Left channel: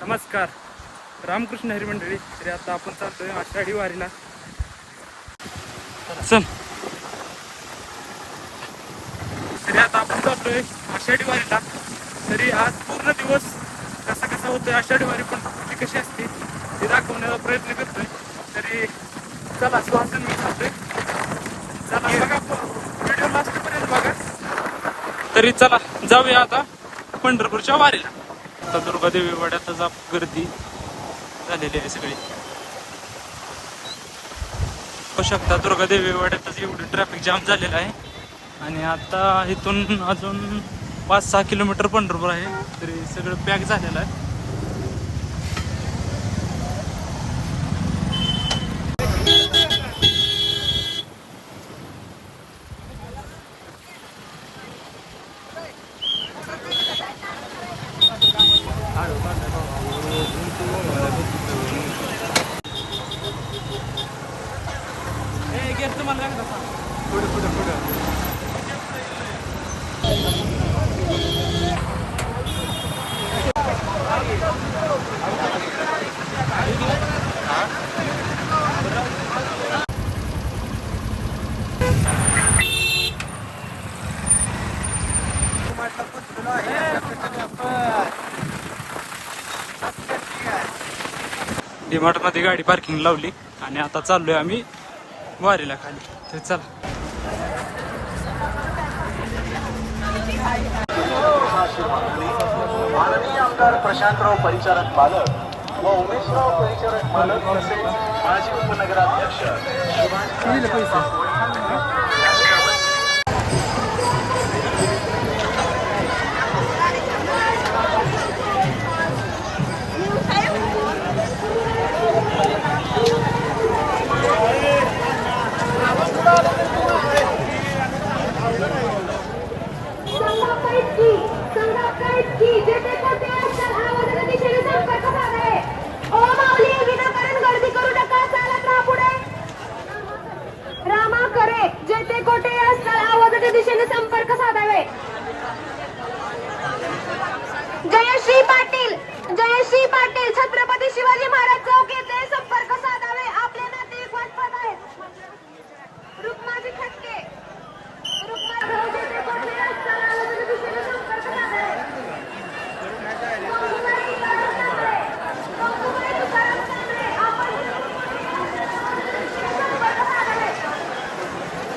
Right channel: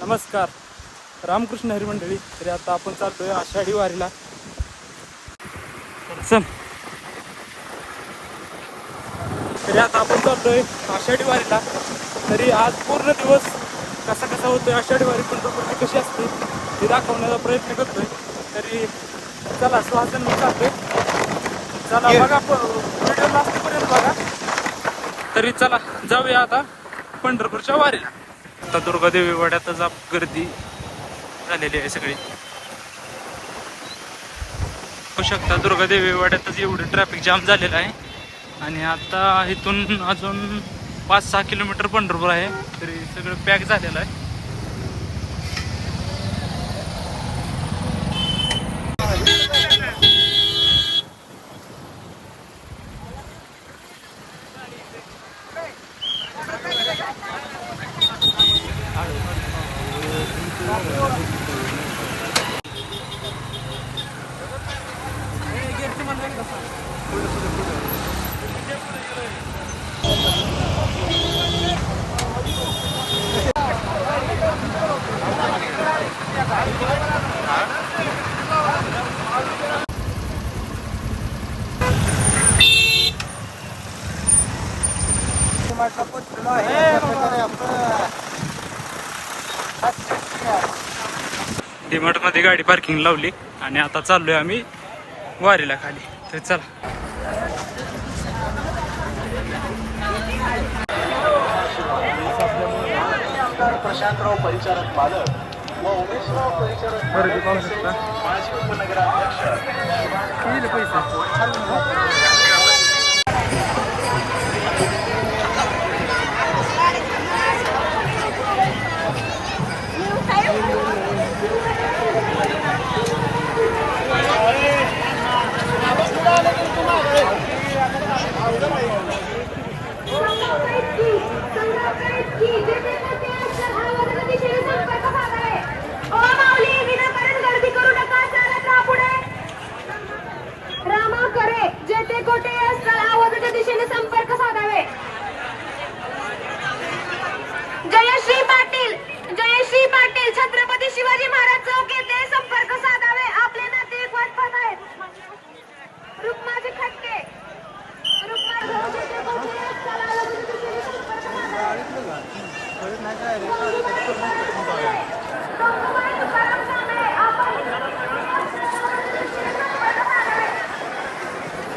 नमस्कार. रामकृष्ण हरी मंडळी तरी आता आपण चालतोय आषाढी वारीला. चल. तरी आता आपण चालतोय आषाढी वारीला. तरी आज पूर्ण दिवस कसा कसा होतोय आषाढी वारी पण प्रकृती कशी असते ते दाखवण्याचा प्रयत्न करतोय. तरी चला सुहासन मी चालतोय चला बघा व्हिडिओ लास्ट तरी चला जाऊया आता पंढरपूरच्या वारीला. आता दुर्गादेवी वाड्यातच आप गर्दी झालेली आहे सगळी. होऊ शकता दुर्गादेवी वाड्यातच एवढी ट्रॅफिक जाम झालेला आहे. आणि आता इथून अजून पाच सहा किलोमीटर पंढरपूर आहे तरी सगळं पॅक झालेलं आहे. पुढे पुढे पुढे. डीमार्टमध्ये गाडी पार्किंग लावली आणि आता चाललोय आम्ही वारीला खाली. तर चला. माननीय आमदार प्रशांतराव परिचारक पालक व उमेशराव परिचारक पालक तसेच माजी उपनगराध्यक्ष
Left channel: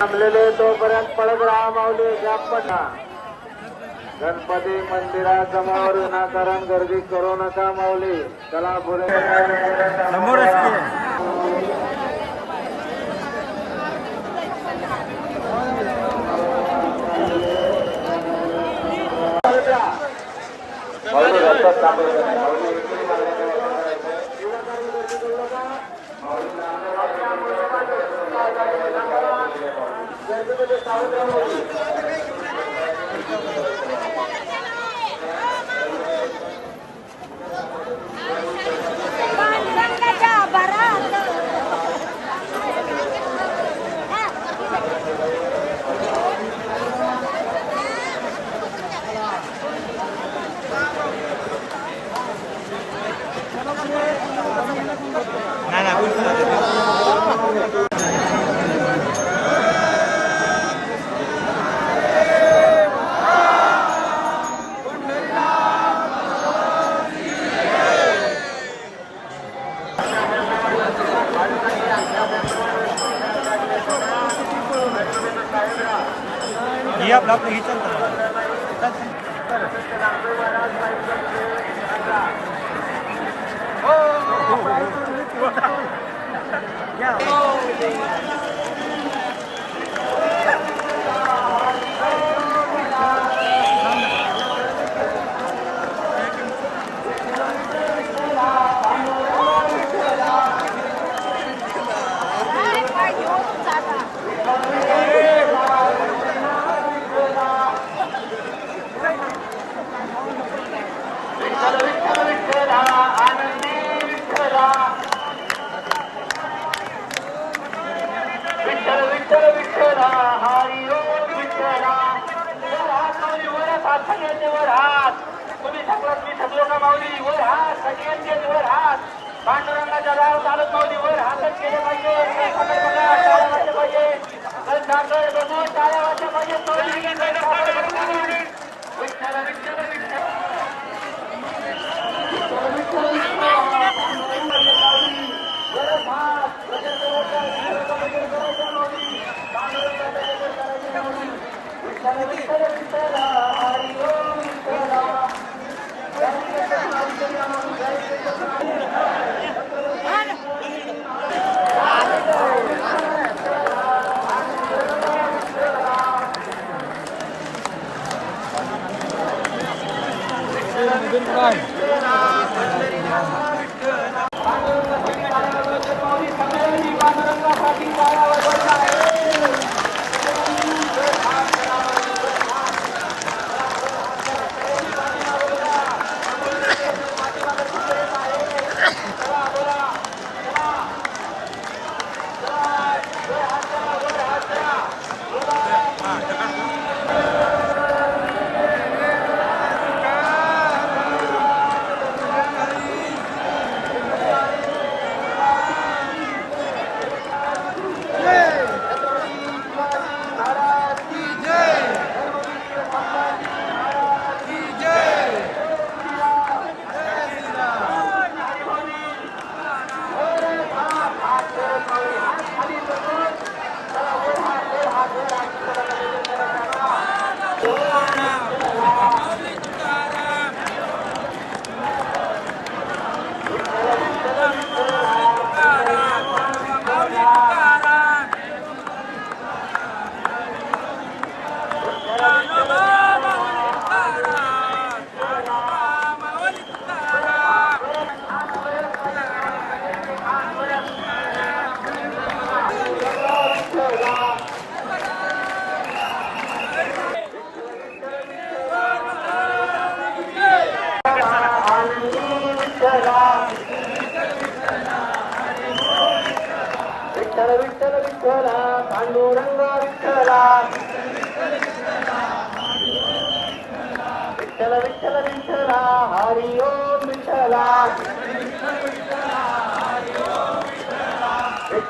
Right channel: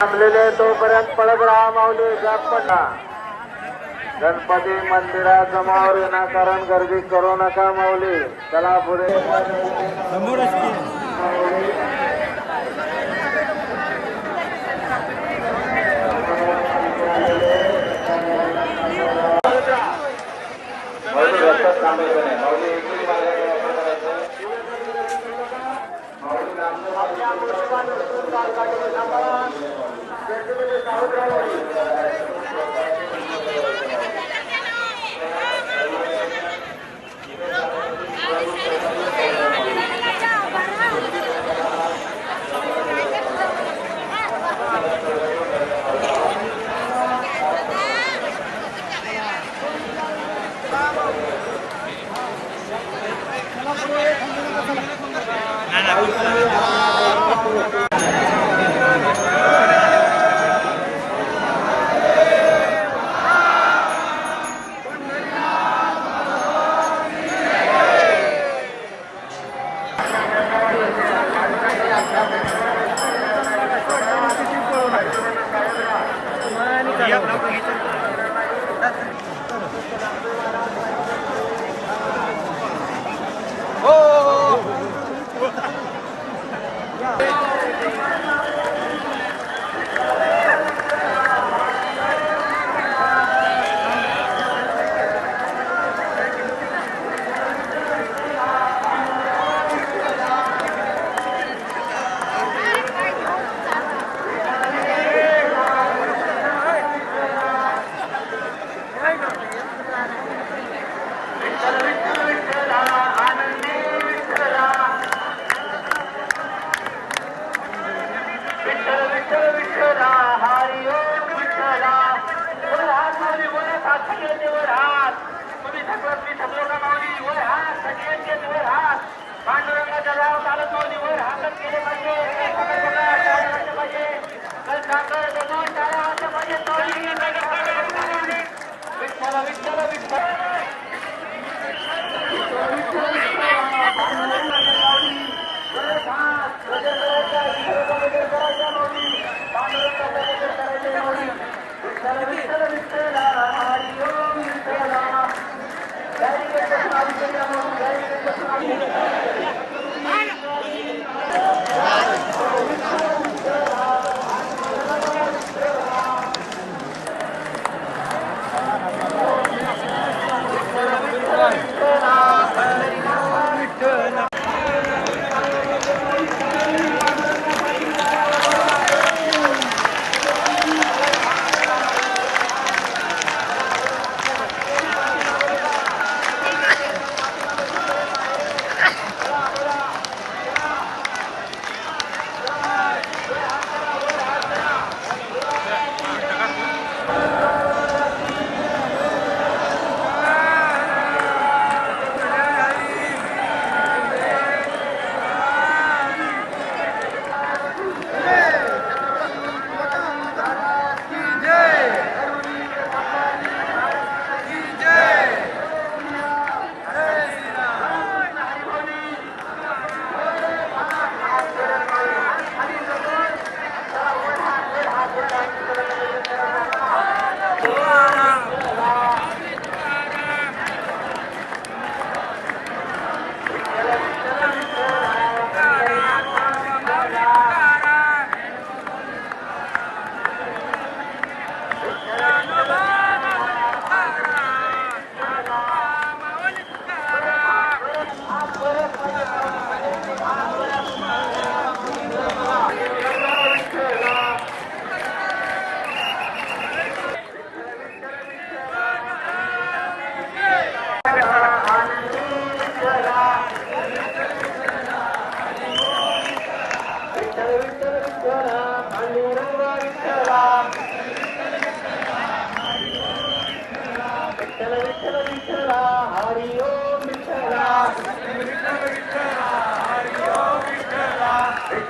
थांबलेले तोपर्यंत पडत राहा माऊली पडला गणपती मंदिरासमोर विनाकारण गर्दी करू नका माऊली. चला पुढे. माऊली रस्त्यात थांबायचं नाही. Nada, última. हो. हरिओ विठ्ठला वर हात माऊली? वर हात सगळ्यांचे वर हात. तुम्ही हात सगळ्यांचे वर हात केले पाहिजे. विठ्ठल विठ्ठल.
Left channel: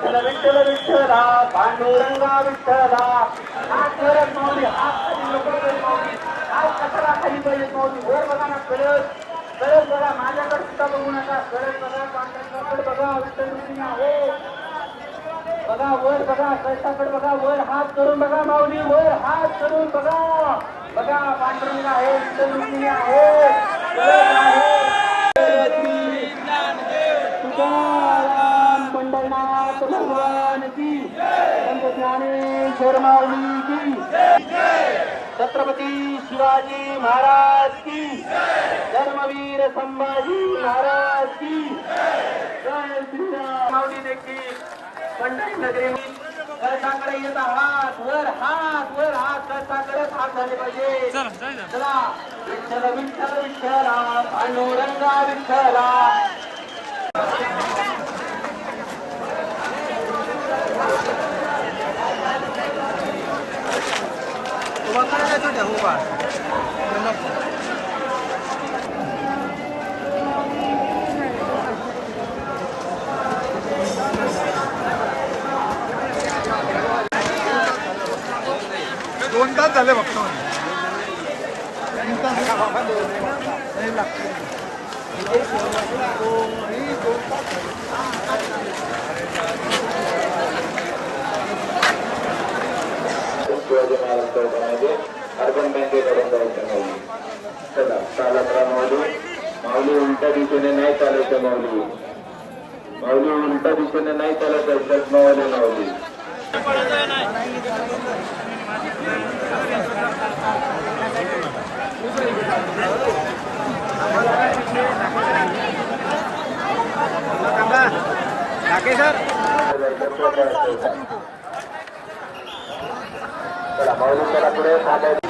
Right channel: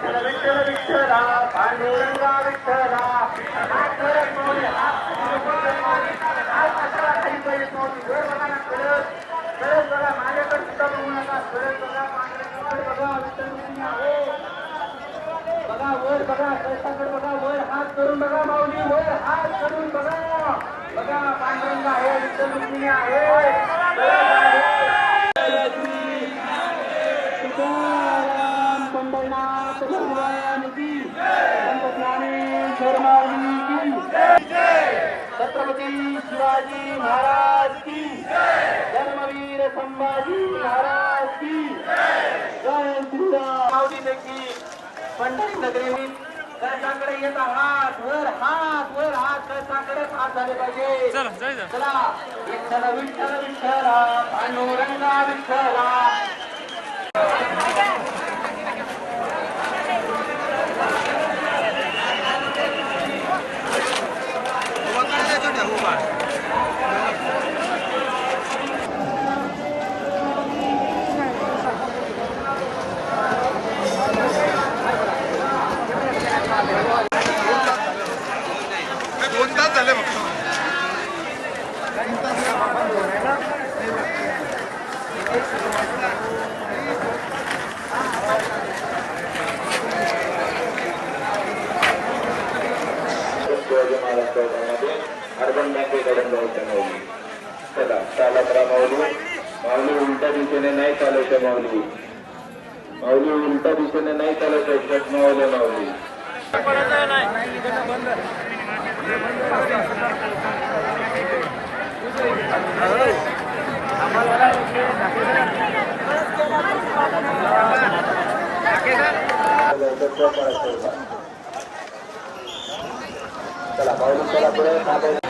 विठ्ठल विठ्ठला विठ्ठला बघा बघा बघा वर बघा कष्टाकडे बघा वर हात करून बघा माऊली वर हात करून बघा. बघा पांढरंग आहे विठ्ठल रुक्मिणी आहे कळस आहे. तुकाराम पंढरनाथ भगवान की संत ज्ञानेश्वर माऊली की छत्रपती शिवाजी महाराज की धर्मवीर संभाजी महाराज की देखील पंढरी नगरी कळसाकडे येत हात वर हात वर हात कळसाकडे हात झाले पाहिजे. चला विठ्ठल विठ्ठल विठ्ठला पांडुरंगा विठ्ठला दोन तास झाले फक्त शिवाजी महाराज चौकामध्ये अर्बन बँकेकडून जायचं माऊली चला चालत राहा माऊली. माऊली उलट्या दिशेने नाही चालायचं माऊली. माऊली उलट्या दिशेने नाही चालायचं जगमावले माऊली. चला माऊली चला पुढे.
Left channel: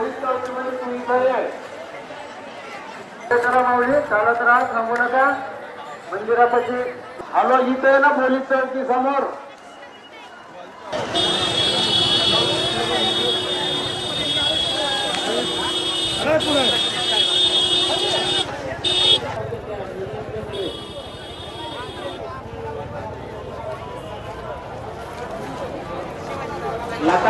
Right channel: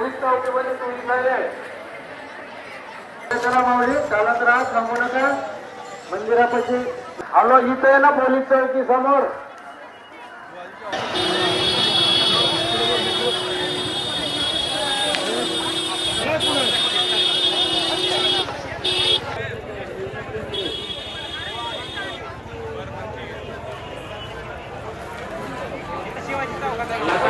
चोवीस चौकी म्हणजे चोवीस माऊली चालत राहा थांबू नका मंदिरापाशी आलो इथे ना पोलीस चौकी समोर Yeah.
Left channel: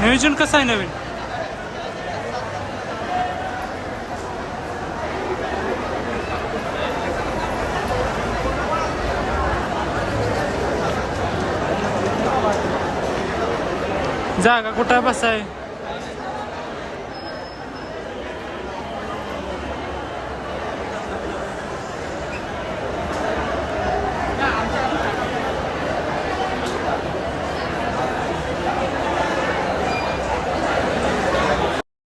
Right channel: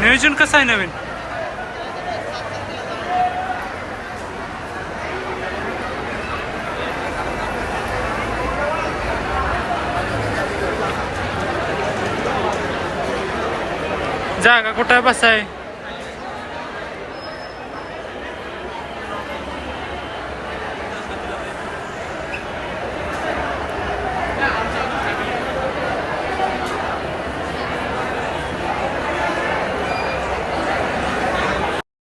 नियोजन कसं आहे नवीन? जागा कुठं बसाय.